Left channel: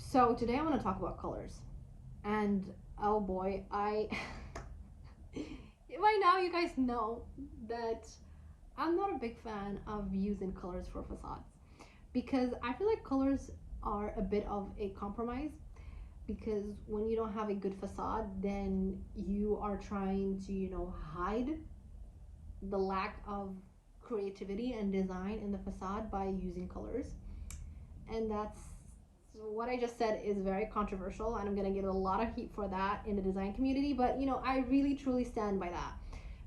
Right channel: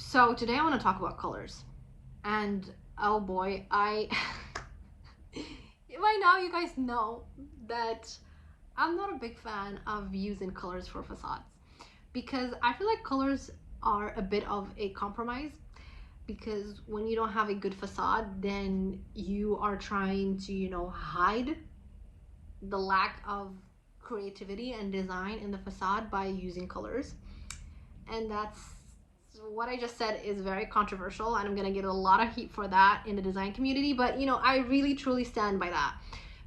So today I want to talk about colors. And oh boy, I by now you guys know that I'm not a big fan of using colors for facades because I feel like colors are a bit of a compromise because when you don't have a good facade, then you are trying to, hide the lack of creativity and design in the facade by using colors. And that's what I just said is very controversial, and I'm gonna get a lot of heat for that in the design community. But I really truly stand by that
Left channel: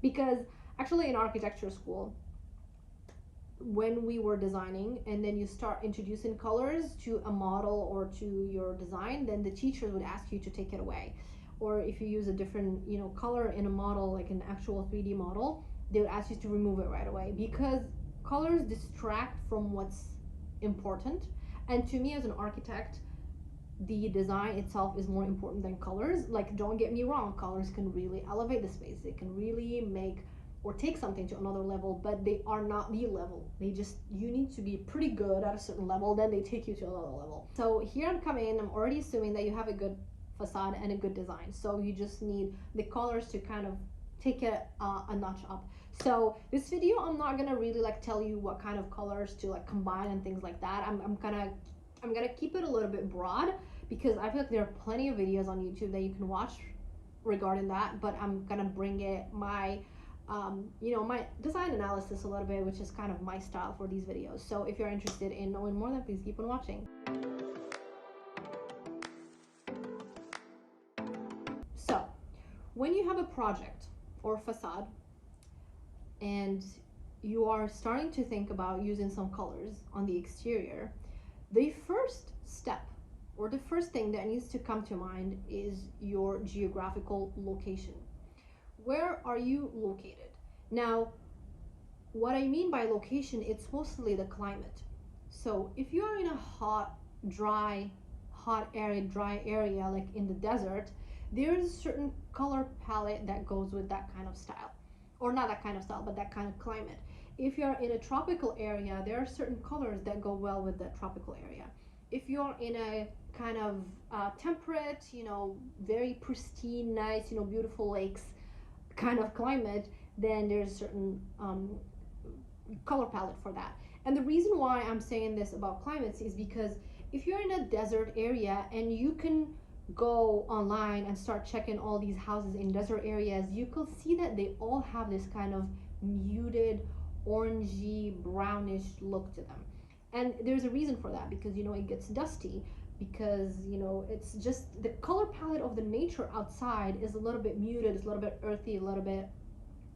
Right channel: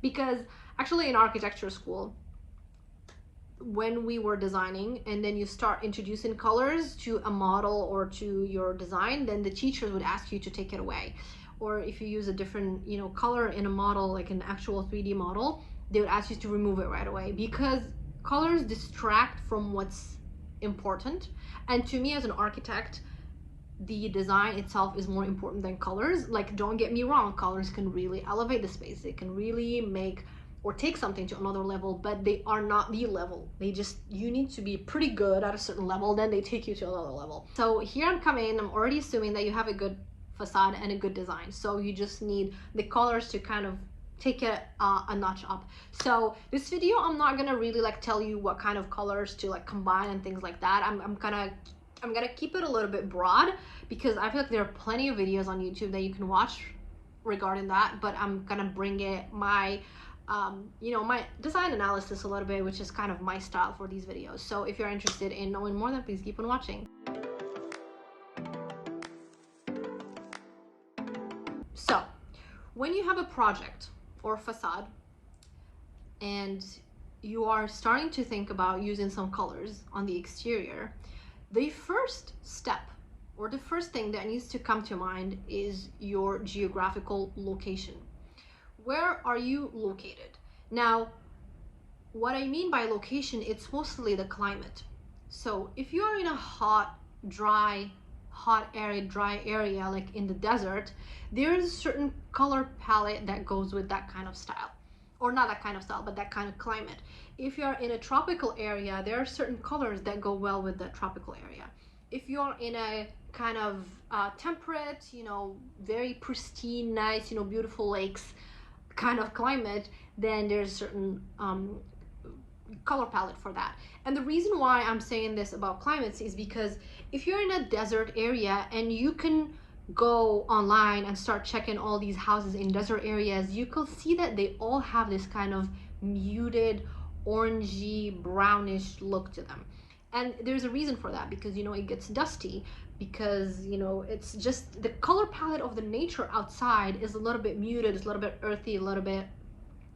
because actually in architecture school, when we were designing and then you start introducing colors to a model or to your design, then the teachers would ask you to take it away. Or if you use a different color in a model, like an actual 3D model, they would ask you to remove it right away because colors distract from what's important. And to me as an architect, the design itself is more important than colors. Like, don't get me wrong, colors can really elevate the space, they can really make or take something to another level, but they are not the level. They just, you need to be pretty good at a certain level, then they take you to another level. So here I'm coming, I'm already assuming that you have a good facade and a good design, so you just need the colors to kind of take it a notch up. So this video, I'm not gonna really like tell you what kind of colors to like combine and things like that. I'm gonna keep it a little bit broad because I feel like there are plenty of videos on YouTube that you can watch regarding that, but I'm gonna bring it my my design analysis a little bit, which is kind of my style for these videos. So if you're interested in knowing more, then please keep on watching. So when you have a project or facade and you are starting to think about using some colors on the exterior, the first step or the first thing that needs to come to mind is your geographical location. Where are you located? Now, what I mean by location, it's mostly the climate. So if you are in a hot area like in the desert, there's a certain color palette that goes with that kind of style, or not that kind of style, but that kind of climate. If you're in a tropical area, there are certain colors that go well with that tropical area. If you're in a kind of temperate, very pristine, nice, beautiful lakes kind of climate, then there's certain color palette for that. And the reason why I'm saying this about climates is because if you're in a desert area and you can go online and start checking all these houses in desert areas, you can see that they all have this kind of muted orangey brownish look to them. And there's a reason for that because it gets dusty, because it's just the color palette of the nature outside is a little bit muted, it's a little bit earthy, a little bit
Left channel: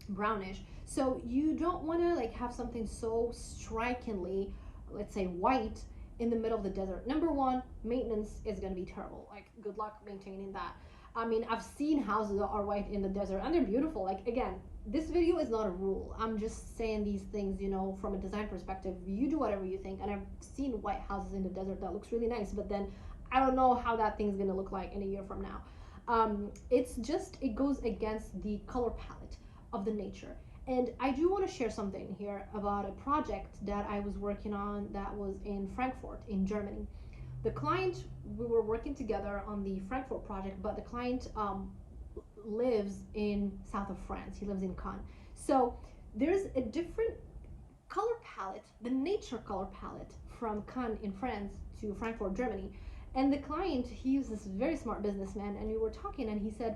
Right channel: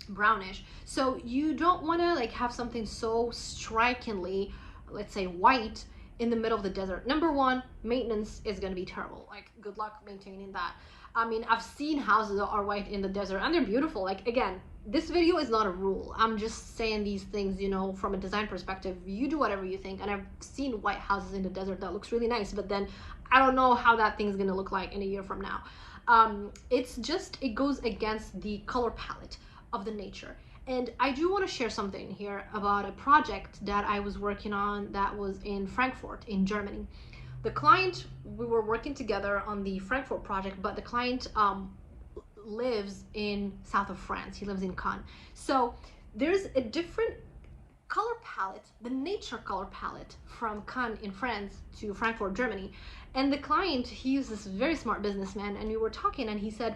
brownish. So you don't want to like have something so strikingly, let's say, white in the middle of the desert. Number one, maintenance is going to be terrible. Like, good luck maintaining that. I mean, I've seen houses that are white in the desert and they're beautiful. Like, again, this video is not a rule, I'm just saying these things from a design perspective. You do whatever you think. And I've seen white houses in the desert that looks really nice, but then I don't know how that thing's going to look like in a year from now. It goes against the color palette of the nature. And I do want to share something here about a project that I was working on that was in Frankfurt in Germany. The client, we were working together on the Frankfurt project, but the client lives in south of France. He lives in Cannes. So there's a different color palette, the nature color palette, from Cannes in France to Frankfurt, Germany. And the client, he's this very smart businessman, and we were talking and he said,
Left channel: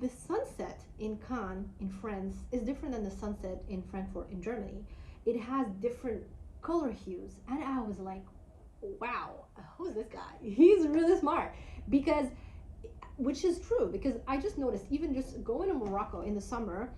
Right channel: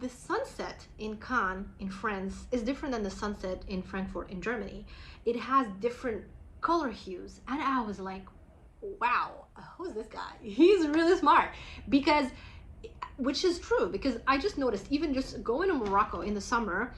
the sunset in Cannes in France is different than the sunset in Frankfurt in Germany. It has different color hues. And I was like, wow, who's this guy? He's really smart. Which is true, because I just noticed, even just going to Morocco in the summer,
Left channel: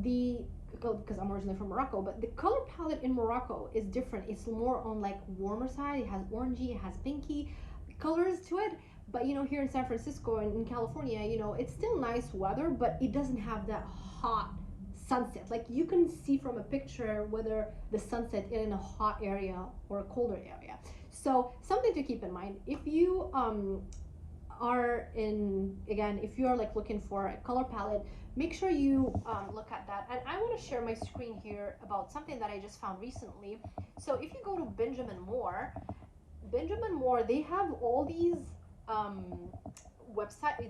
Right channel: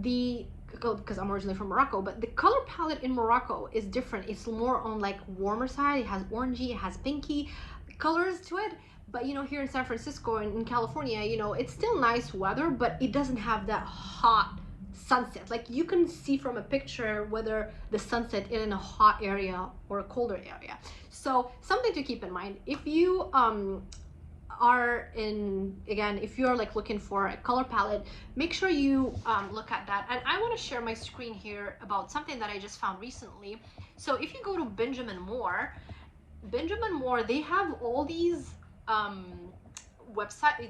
because I'm originally from Morocco, but the color palette in Morocco is different. It's more on like warmer side. It has orangey, it has pinky colors to it. But here in San Francisco and in California, it's still nice weather, but it doesn't have that hot sunset. Like, you can see from a picture whether the sunset is in a hot area or a colder area. So something to keep in mind if you if you're like looking for a color palette, make sure you look at that. And I want to share my screen here about something that I just found recently. So if you go to Benjamin Moore, Benjamin Moore, they have all these um,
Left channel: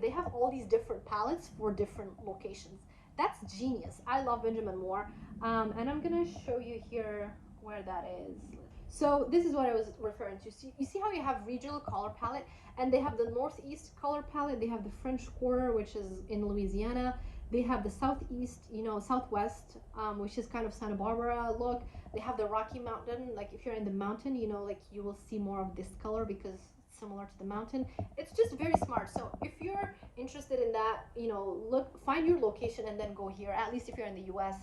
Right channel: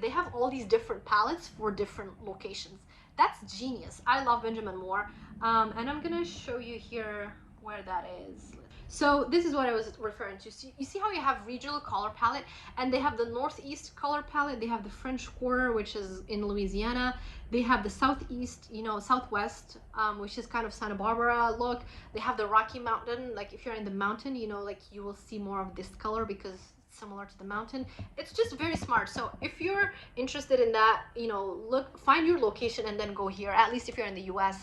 they have all these different palettes for different locations. That's genius. I love Benjamin Moore. And I'm gonna show you here where that is. So this is what I was referring to. So you see how you have regional color palette, and they have the Northeast color palette. They have the French Quarter, which is in Louisiana. They have the Southeast, you know, Southwest, which is kind of Santa Barbara look. They have the Rocky Mountain. Like if you're in the mountain, you know, like you will see more of this color because it's similar to the mountain. It's just very smart. So if you're interested in that, you know, look, find your location and then go here. At least if you're in the U.S.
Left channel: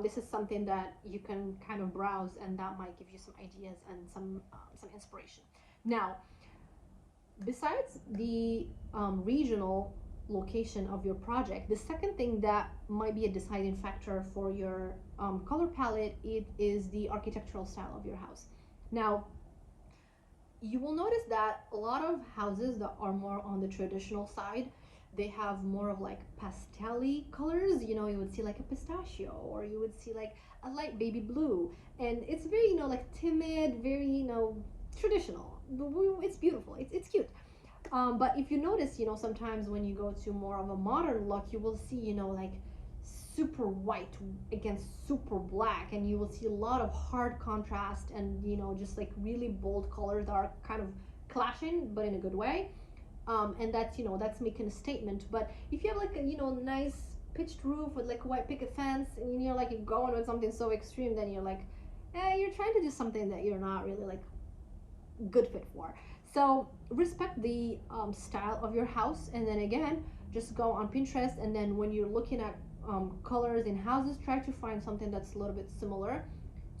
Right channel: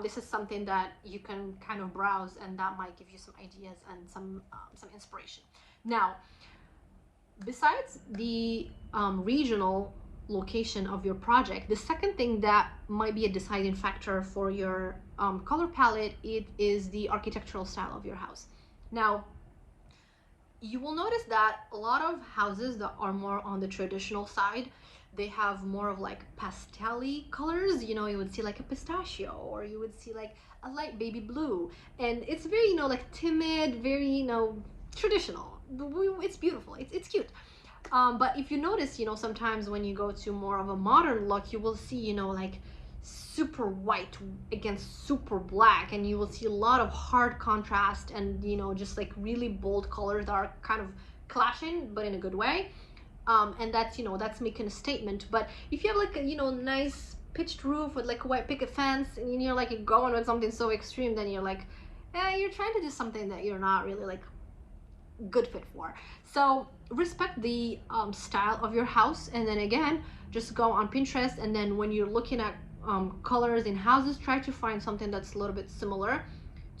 This is something that you can kind of browse, and that might give you some ideas and some inspiration. Now, besides the regional location of your project, the second thing that might be a deciding factor for your color palette, it is the architectural style of your house. Now, you will notice that a lot of houses that are more on the traditional side, they have more of like pastel-y colors. You know, you would see like a pistachio, or you would see like a light baby blue, and it's very, you know, like timid, very, you know, traditional. It's beautiful, it's cute. But if you notice, you know, sometimes when you go to more of a modern look, you will see, you know, like super white against super black, and you will see a lot of hard contrast, and you know, just like really bold colors that are kind of clashing, but in a good way. And that's, you know, that's making a statement. But if you have like a, you know, nice pitched roof with like a white picket fence, and you're like going with something so extreme, then you're like, you're trying to do something that you're not really like good fit for. So respect the style of your house, and then again, just go on Pinterest, and then when you're looking at colors in houses, try to find something that's a little bit similar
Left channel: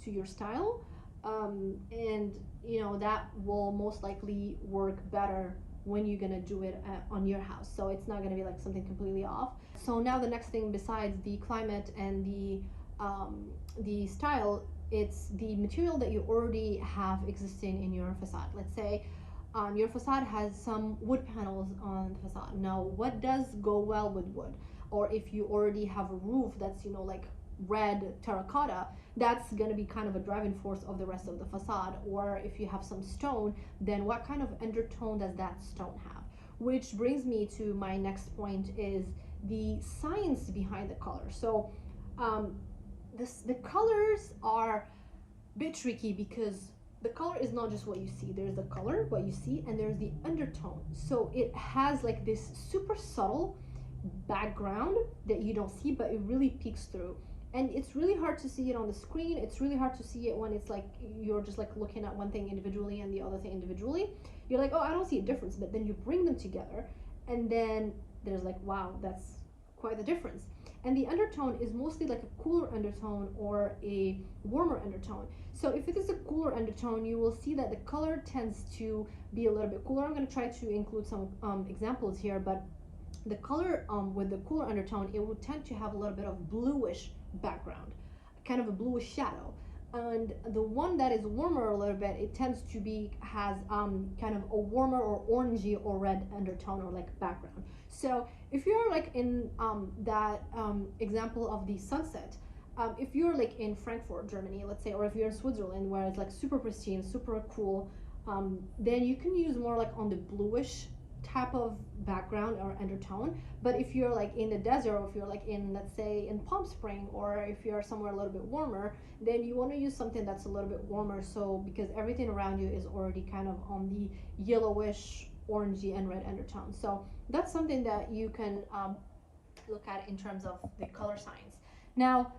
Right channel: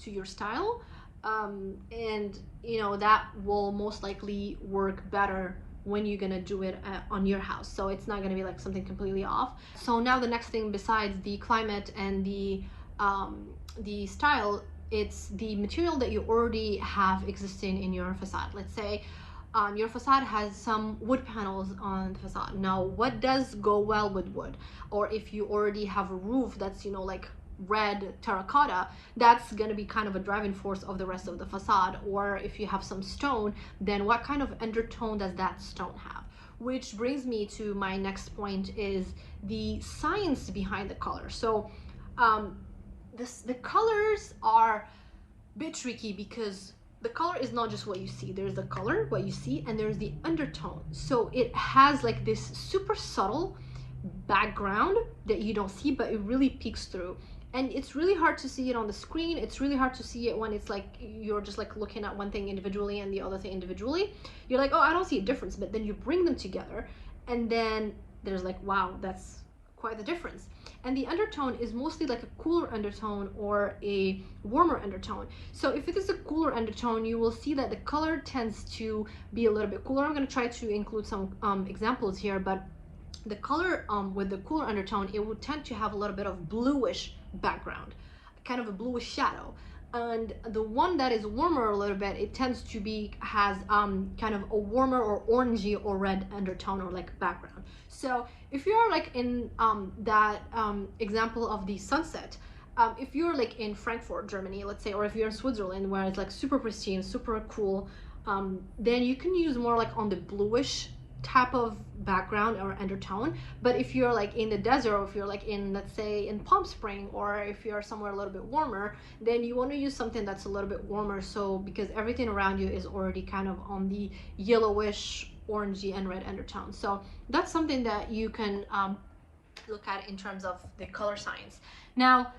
to your style, and you know, that will most likely work better when you're gonna do it on your house. So it's not gonna be like something completely off. So now the next thing besides the climate and the style, it's the material that you already have existing in your facade. Let's say your facade has some wood panels on the facade. Now, what does go well with wood? Or if you already have a roof that's, you know, like red terracotta, that's going to be kind of a driving force of the rest of the facade. Or if you have some stone, then what kind of undertone does that stone have? Which brings me to my next point, is the science behind the color. So the colors are a bit tricky, because the color is not just what you see. There's the color, what you see, and there's the undertone. So it has like this super subtle background that you don't see, but it really peeks through. And it's really hard to see it on the screen. It's really hard to see it when it's like you're just like looking at one thing individually and the other thing individually. You're like, oh, I don't see a difference. But then you bring them together, and then there's like, wow, that's quite the difference. And the undertone is mostly like a cooler undertone or a warmer undertone. So if it is a cooler undertone, you will see that the color tends to be a little bit cooler. I'm going to try to include some examples here, but the color with the cooler undertone, it would tend to have a little bit of bluish background, kind of a bluish shadow. And the one that is warmer a little bit, it tends to be, has kind of a warmer or orangey or red undertone or like background. So if you're like in that example of the sunset, if you're like in Frankfurt, Germany, let's say, or if you're in Switzerland where it's like super pristine, super cool, then you can use more like on the bluish type of background or undertone. But if you're like in the desert, or if you're like in, let's say, in Palm Spring, or if you're somewhere a little bit warmer, then you want to use something that's a little bit warmer. So because everything around you is already kind of on the yellowish, orangey, and red undertone. So that's something that you can look at in terms of the color science. Now,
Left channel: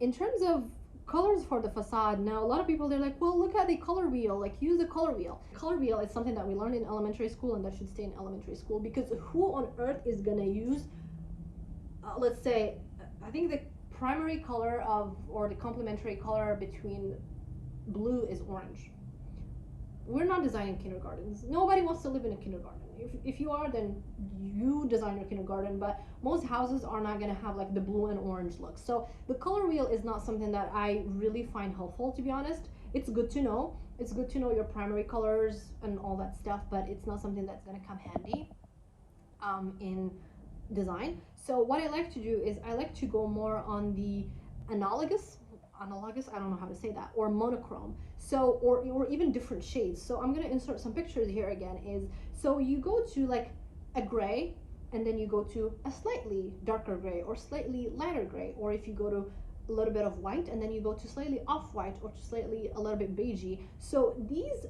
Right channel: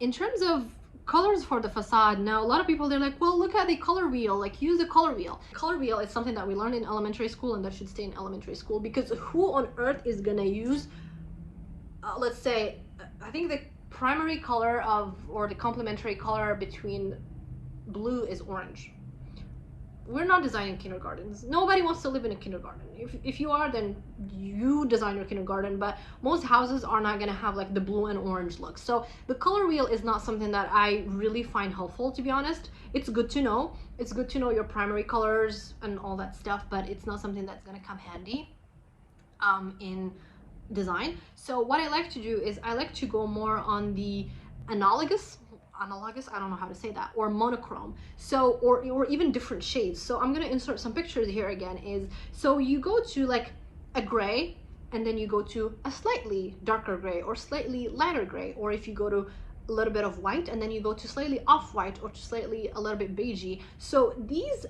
in terms of colors for the facade, now a lot of people, they're like, well, look at the color wheel, like use the color wheel. Color wheel is something that we learned in elementary school, and that should stay in elementary school, because who on earth is gonna use let's say, I think the primary color of, or the complementary color between blue is orange. We're not designing kindergartens. Nobody wants to live in a kindergarten. If you are, then you design your kindergarten, but most houses are not going to have like the blue and orange look. So the color wheel is not something that I really find helpful, to be honest. It's good to know. It's good to know your primary colors and all that stuff, but it's not something that's going to come handy in design. So what I like to do is I like to go more on the analogous analogous, I don't know how to say that, or monochrome. So or even different shades. So I'm gonna insert some pictures here again. Is so you go to like a gray, and then you go to a slightly darker gray or slightly lighter gray, or if you go to a little bit of white, and then you go to slightly off-white or to slightly a little bit beigey. So these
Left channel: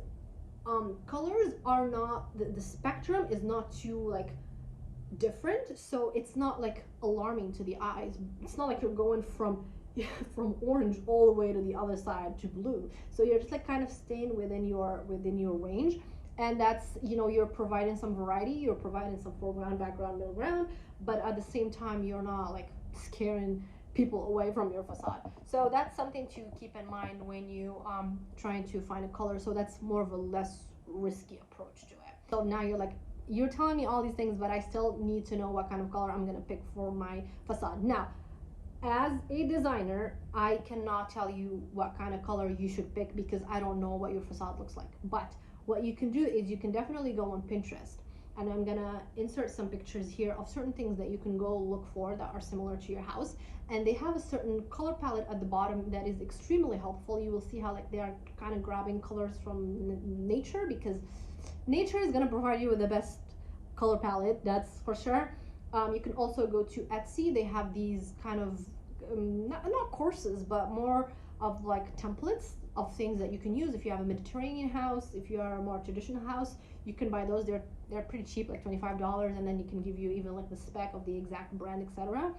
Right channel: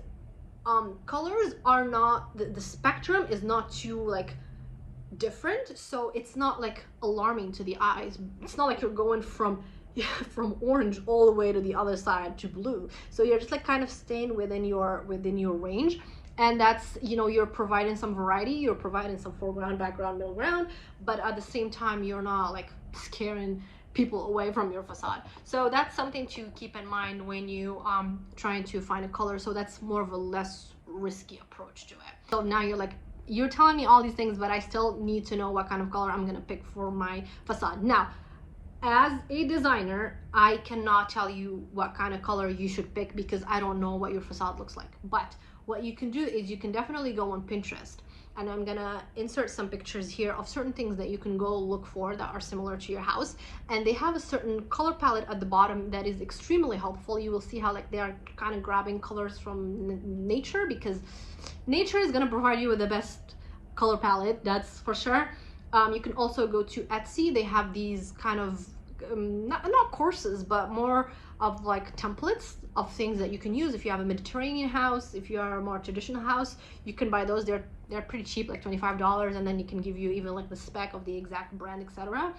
colors are not, the spectrum is not too like different, so it's not like alarming to the eyes. It's not like you're going from from orange all the way to the other side to blue. So you're just like kind of staying within your range, and that's, you know, you're providing some variety, you're providing some foreground, background, middle ground, but at the same time you're not like scaring people away from your facade. So that's something to keep in mind when you trying to find a color. So that's more of a less risky approach to it. So now you're telling me all these things, but I still need to know what kind of color I'm gonna pick for my facade. Now, as a designer, I cannot tell you what kind of color you should pick because I don't know what your facade looks like. But what you can do is you can definitely go on Pinterest, and I'm gonna insert some pictures here of certain things that you can go look for that are similar to your house, and they have a certain color palette at the bottom that is extremely helpful. You will see how like they are kind of grabbing colors from nature, because nature is gonna provide you with the best color palette, that's for sure. You can also go to Etsy. They have these kind of not courses, but more of like templates of things that you can use. If you have a Mediterranean house, if you are a more traditional house, you can buy those. They're pretty cheap, like $25, and then you can give you even like the spec of the exact brand, etc.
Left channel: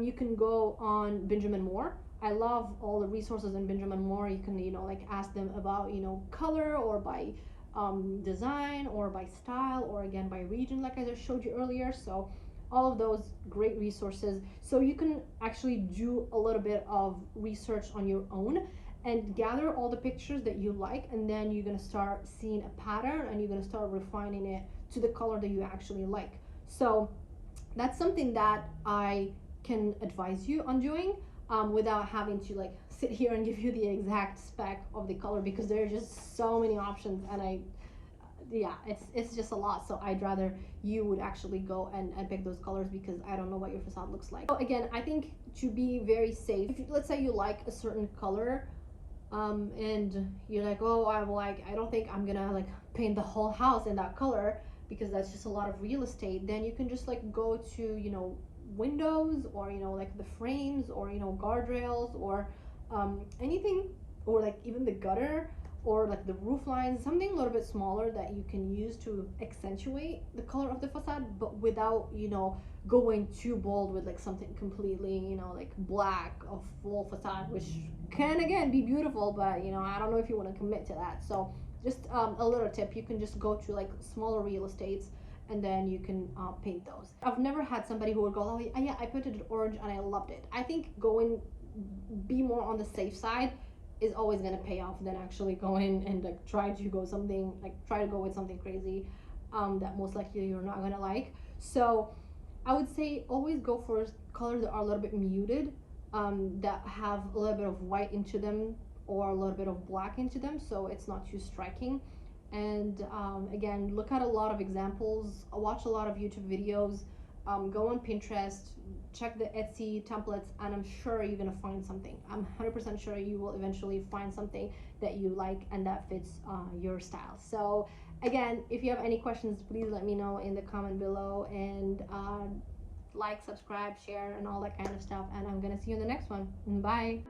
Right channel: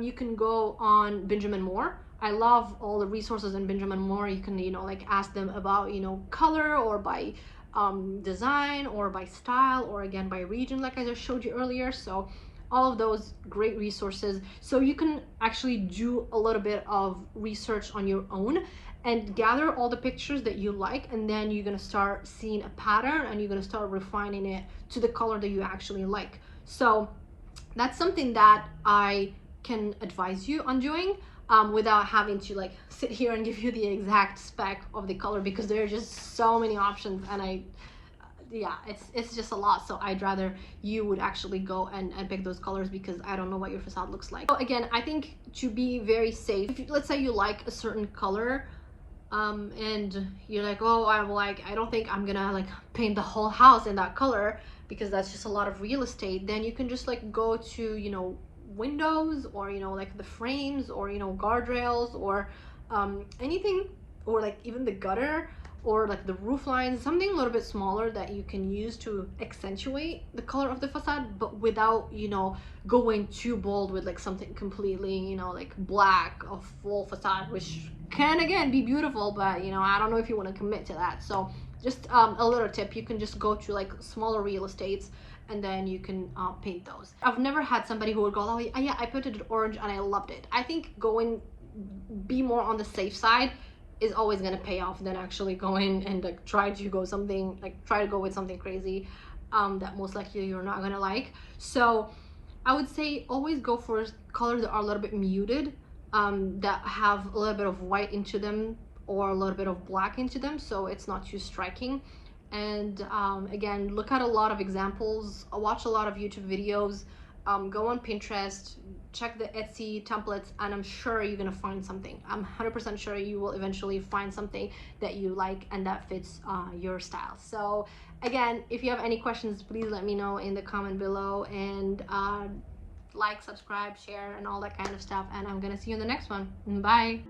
You can go on Benjamin Moore. I love all the resources in Benjamin Moore. You can, you know, like ask them about, you know, color, or by design, or by style, or again by region, like I just showed you earlier. So all of those great resources, so you can actually do a little bit of research on your own and gather all the pictures that you like, and then you're going to start seeing a pattern, and you're going to start refining it to the color that you actually like. So that's something that I can advise you on doing, without having to like sit here and give you the exact spec of the color, because there are just so many options, and yeah, it's just a lot. So I'd rather you would actually go and pick those colors, because I don't know what your facade looks like. So again, I think to be very safe, if let's say you like a certain color, and you're like, oh, I don't think I'm gonna like paint the whole house in that color, because that's just a lot of real estate, then you can just like go to, you know, windows, or, you know, like the frames, or, you know, guardrails, or anything, or like even the gutter, or like the roof lines, something a little bit smaller that you can use to accentuate the color of the facade, but without, you know, going too bold with like something completely, you know, like black, a full facade, which can again be beautiful, but, you know, I don't know if you want to commit to that. So just a little tip, you can just go to like smaller real estates, and then you can paint those. I've never had somebody who would go, oh yeah, I painted it orange and I loved it. I think be more on the safe side is always going to pay off than actually going and like try to go with something crazy that most likely you're not going to like. So I would say always go for colors that are a little bit muted, that have a little bit of white into them, or a little bit of black into them, so it's not too striking. And again, look at a lot of examples, watch a lot of YouTube videos, go on Pinterest, check the Etsy templates, and I'm sure you're gonna find something. I'm 100% sure you will eventually find something that you like and that fits your style. So again, if you have any questions, please let me know in the comment below, and like, subscribe, share, and all that kind of stuff, and I'm gonna see you in the next one. Bye.